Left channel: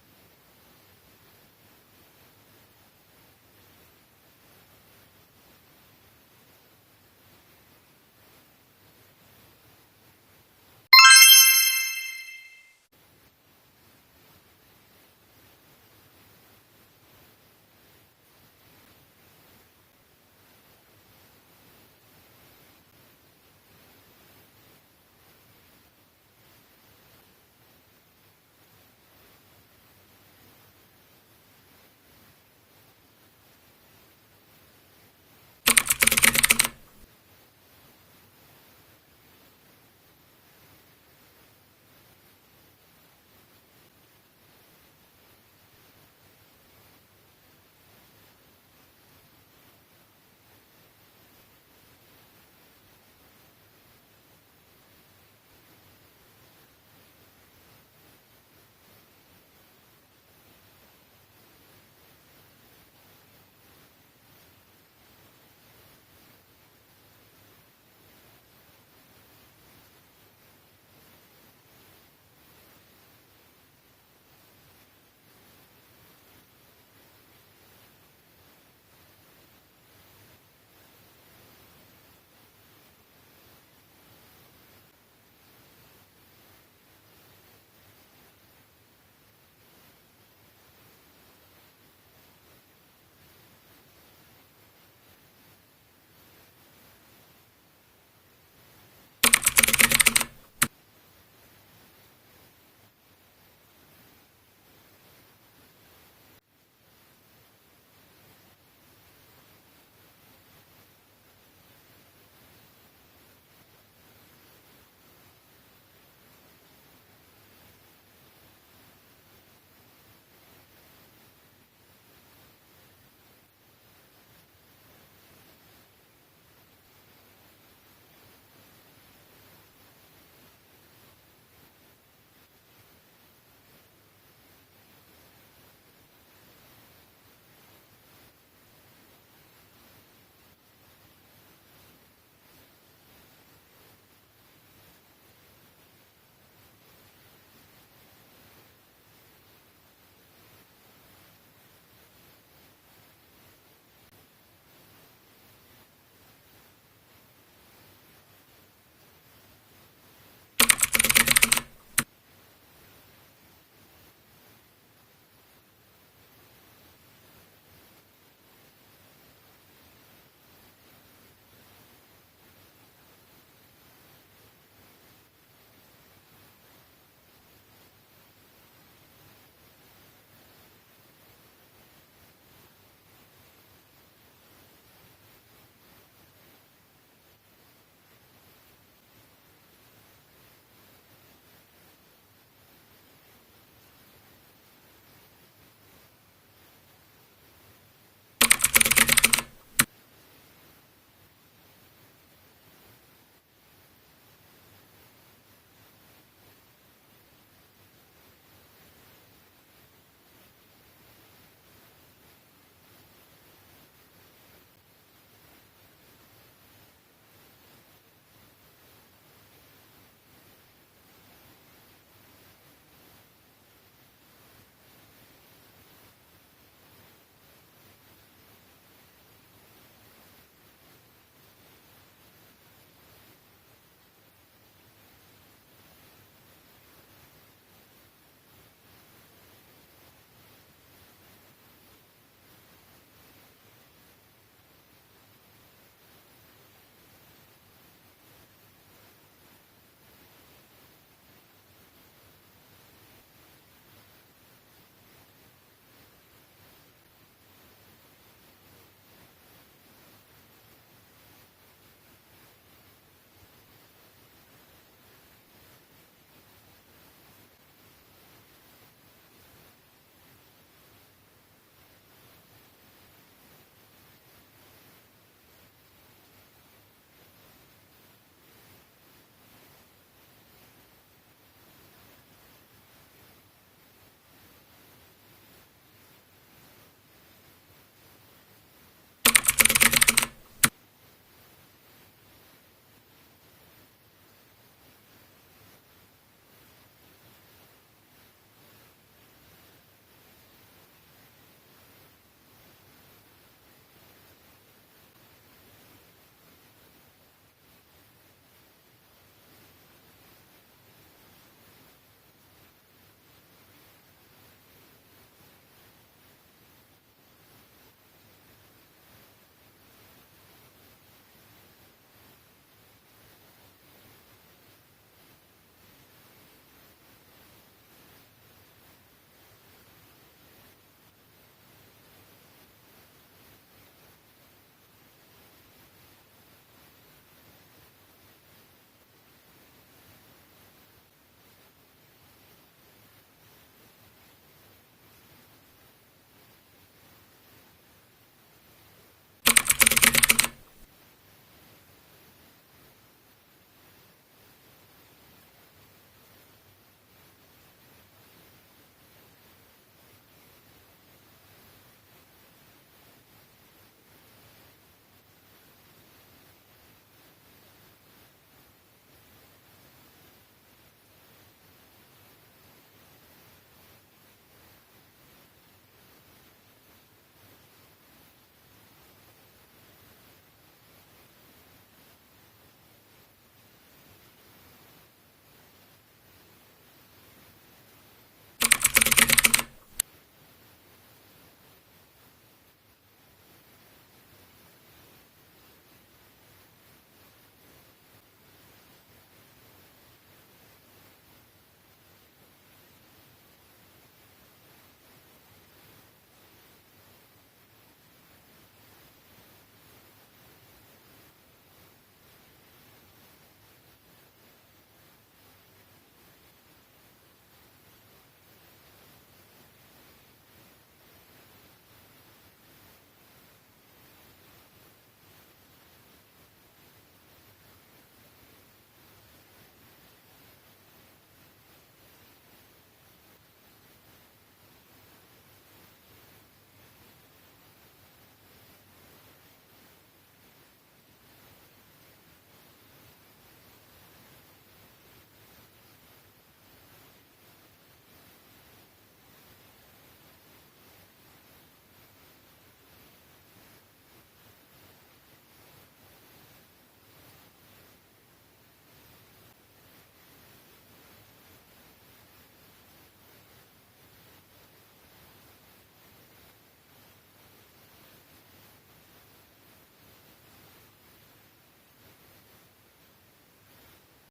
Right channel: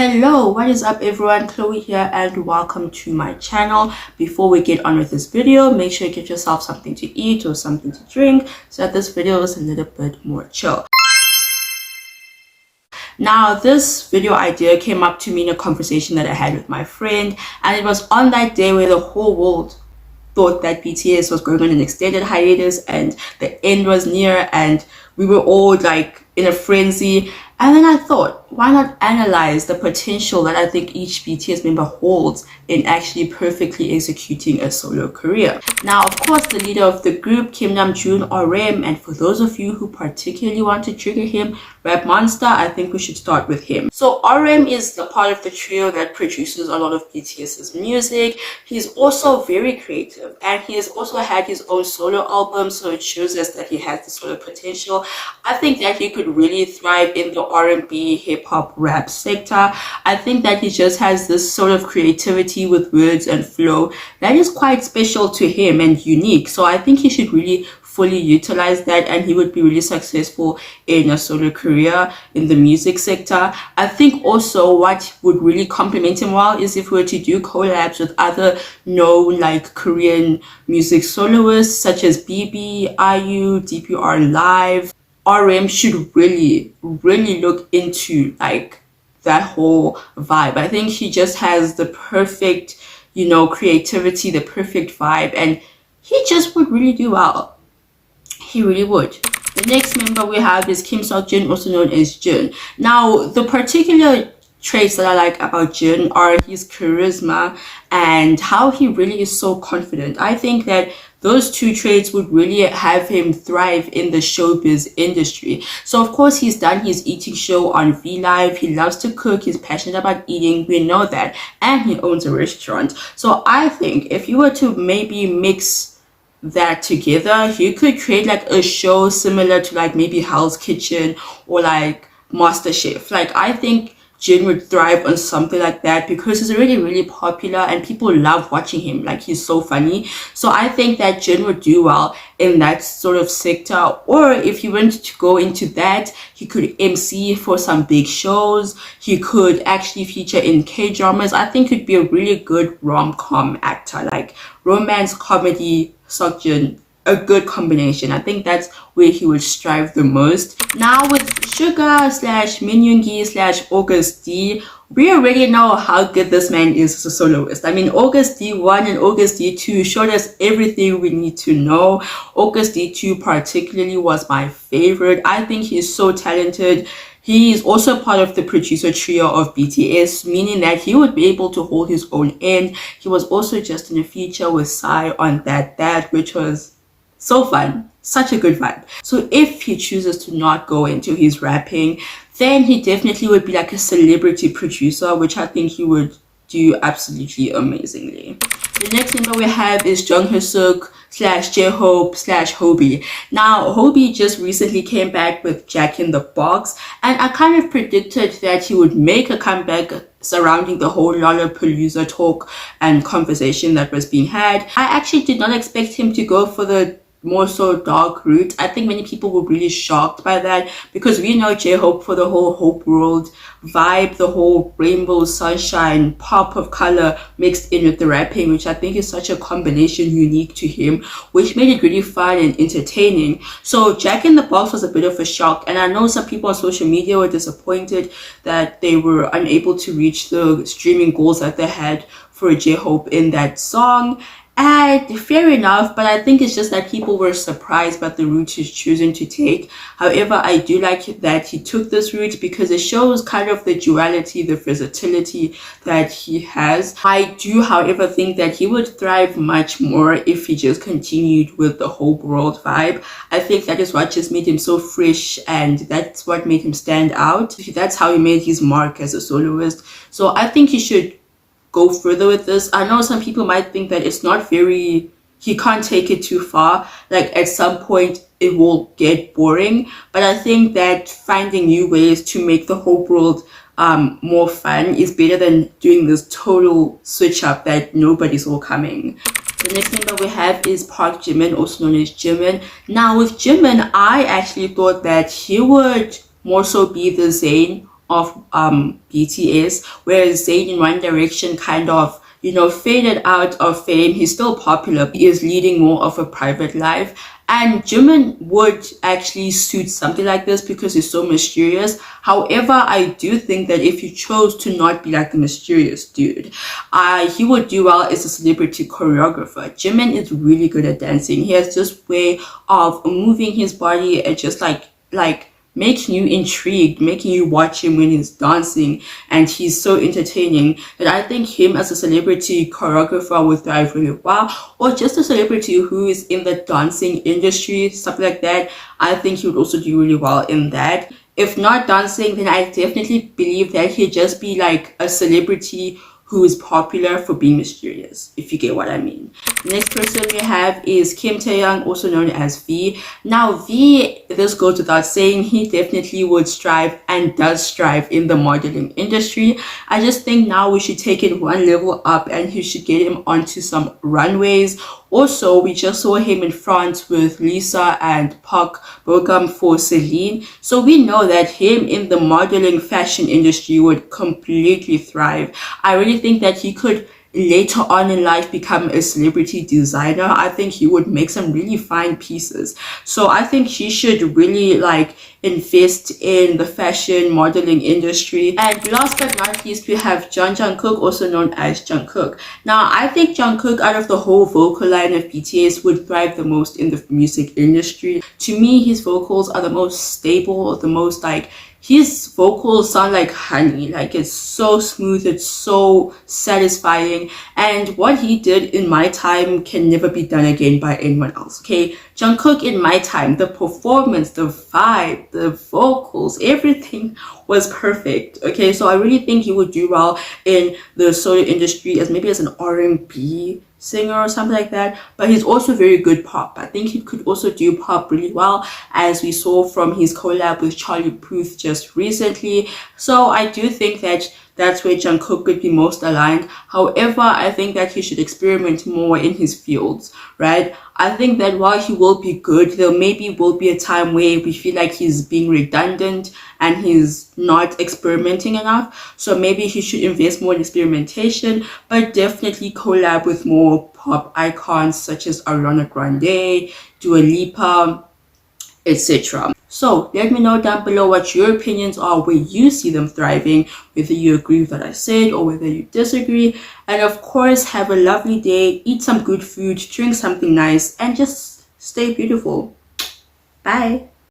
Hello, what is up everyone? Chloe here and welcome to my channel. Before we get on with this video, make sure you get yourself something to eat or something to drink so that this video is a little bit more chill. Now, this video idea came up to me in a conversation that I had with my friend, and it was on that day where the whole world thought that BTS was going on an extended hiatus and the end was near and we were all like in a frenzy. And then I thought, why not analyze the potential that I think each BTS member holds in actually perfectly executing a solo career. Now, of course, the leader of the group, Namjoon, RM, and for those of you who particularly want to trigger him, Rap Monster, I think we should start with him. So RM is the part of the trio that produces a lot of BTS's music. He's also very creative and he has also had his own solo album, so it shows us that he has the solo potential. I think that he could really thrive in the R&B, hip-hop, rap sector. I think that he just has this sort of creativity with words and flow that is quite special to him and unique. So I think he should really fully utilize that and he would be really successful in a solo career in the music sector. I think also what would really complement him well is if we were to do collabs with other known like Korean music soloists such as BB, IU, DPR Live. RM should really look into like that whole vibe. I think he just has the perfect, creativity, the perfect vibe, and he just would really do well. He really would. The next member we have is Kim Seok-jin, also known as Jin. Now, the particular traits that I like about Jin are his charisma and how he really is so confident. I think that those two traits would really have him thrive in the showbiz industry. So of course he's done his eating show on V Live. He loves to cook. He's passionate about eating. We know that. And he owns a restaurant. So I think if you were to maybe mix that together, he could create like a show similar to like maybe Hell's Kitchen or like MasterChef. Like I think Jin would thrive on something like that because he's really popular and people love watching him. Like he's so funny. So I think that Jin would do well in that sort of sector. Or if he went to go into that, he could MC for some big shows. He could actually feature in K-dramas. I think he'd be a really good rom-com actor, like romance, comedy, Seokjin. A good combination. I think that's where he would strive the most. Now with SUGA / Min Yoongi / August D, we already know how good this man is as a soloist. I mean, August D1 and August D2 showed us everything we need to know. August D2 particularly was my favorite. I think he's so talented. He is also part of the producer trio of BTS, meaning that he would be able to hold his own end. He was also just in a feature with Psy on That, which was so fun, such a good vibe. So if he chooses to not go into his rapping, then he definitely would be like a celebrity producer, which I think he would do absolutely amazingly. The next member we have is JUNGKOOK / JHOPE / Hobie. Now, Hobie just recently came back with Jack in the Box, and I kind of predicted that he would make a comeback surrounding the whole Lollapalooza talk and conversation that was being had. I actually did not expect him to go for the more so dark route. I think many people were really shocked by that because we know J-Hope for the whole Hope World vibe, the whole rainbow, sunshine, pop of color mixed in with the rapping, which I think is such a combination unique to him, which made it really fun and entertaining. So Jack in the Box was a bit of a shock, and I know some people on social media were disappointed that they were unable to reach the streaming goals that they had for J-Hope in that song. And fair enough, but I think it's just that people were surprised by the route he's choosing to take. However, I do like that he took this route because it shows kind of the duality, the versatility that he has. I do, however, think that he would thrive much more if he just continued with the whole world vibe. I think that is what just made him so fresh and that's what made him stand out. That's how he made his mark as a soloist. So I think he should go further with this. I know some people might think that it's not very, he can't take it too far. Like at some point it will get boring, but I think that finding new ways to make the whole world more fun is better than doing this total switch up that nobody's all coming. The next member we have is Park Jimin, also known as JIMIN. Now with JIMIN, I actually thought that he would more so be the Zayn of BTS, whereas Zayn in One Direction kind of, you know, faded out of fame. He's still popular. He is leading more of a private life. And Jimin would actually suit something like this because he's so mysterious. However, I do think that if he chose to not be like the mysterious dude, he would do well as a celebrity choreographer. Jimin is really good at dancing. He has this way of moving his body and just like making you intrigued, making you watch him when he's dancing, and he's so entertaining that I think him as a celebrity choreographer would thrive really well, or just a celebrity who is in the dancing industry, something like that. I think he would also do really well in that. If not dancing, then I definitely believe that he'd just be like a celebrity who is popular for being mysterious, if you get what I mean. The next person we have is Kim Taehyung, also known as V. Now V, this goes without saying, he definitely would strive and does strive in the modeling industry. I just think now we should take it one level up and he should get him onto some runways. Also, we just saw him in France with Lisa and Park Bogum for Celine. So we know that him in the modeling fashion industry would completely thrive. I really think that he could later on in life become a celebrity designer. I think he would make some really fine pieces. So I think he should really like invest in the fashion modeling industry. And last but not least, we have Jungkook, also known as JUNGKOOK. Now I think JUNGKOok out of the whole vocal line of BTS would thrive the most in the music industry. To me, his vocals are the most stable, the most like, his vocals sound like honey, like it's so smooth, it's so satisfying, and what he did in my time can never be done again by anyone else. Okay, Jungkook in my time, the performance, the vibe, the vocals, everything was perfect. Okay, so I really think he would do well in the solo industry as maybe as an R&B singer or something like that, but he's also very good pop. I think he could also do pop really well, as we saw from his collab with Charlie Puth just recently. So I do think that that's where Jungkook could be most aligned. However, I think that he should experiment more in his fields, right? I think that while he will be good, there maybe will be a time where we feel like he's being redundant and he's not experimenting enough. So maybe he should invest more in experimentation, but definitely collab with more pop icons such as Ariana Grande, Dua Lipa, etc. So let me know down below what your opinions are, where you see them thriving, whether you agree with what I said or whether you disagree. And of course, have a lovely day, eat some good food, drink something nice, and just stay beautiful. Bye.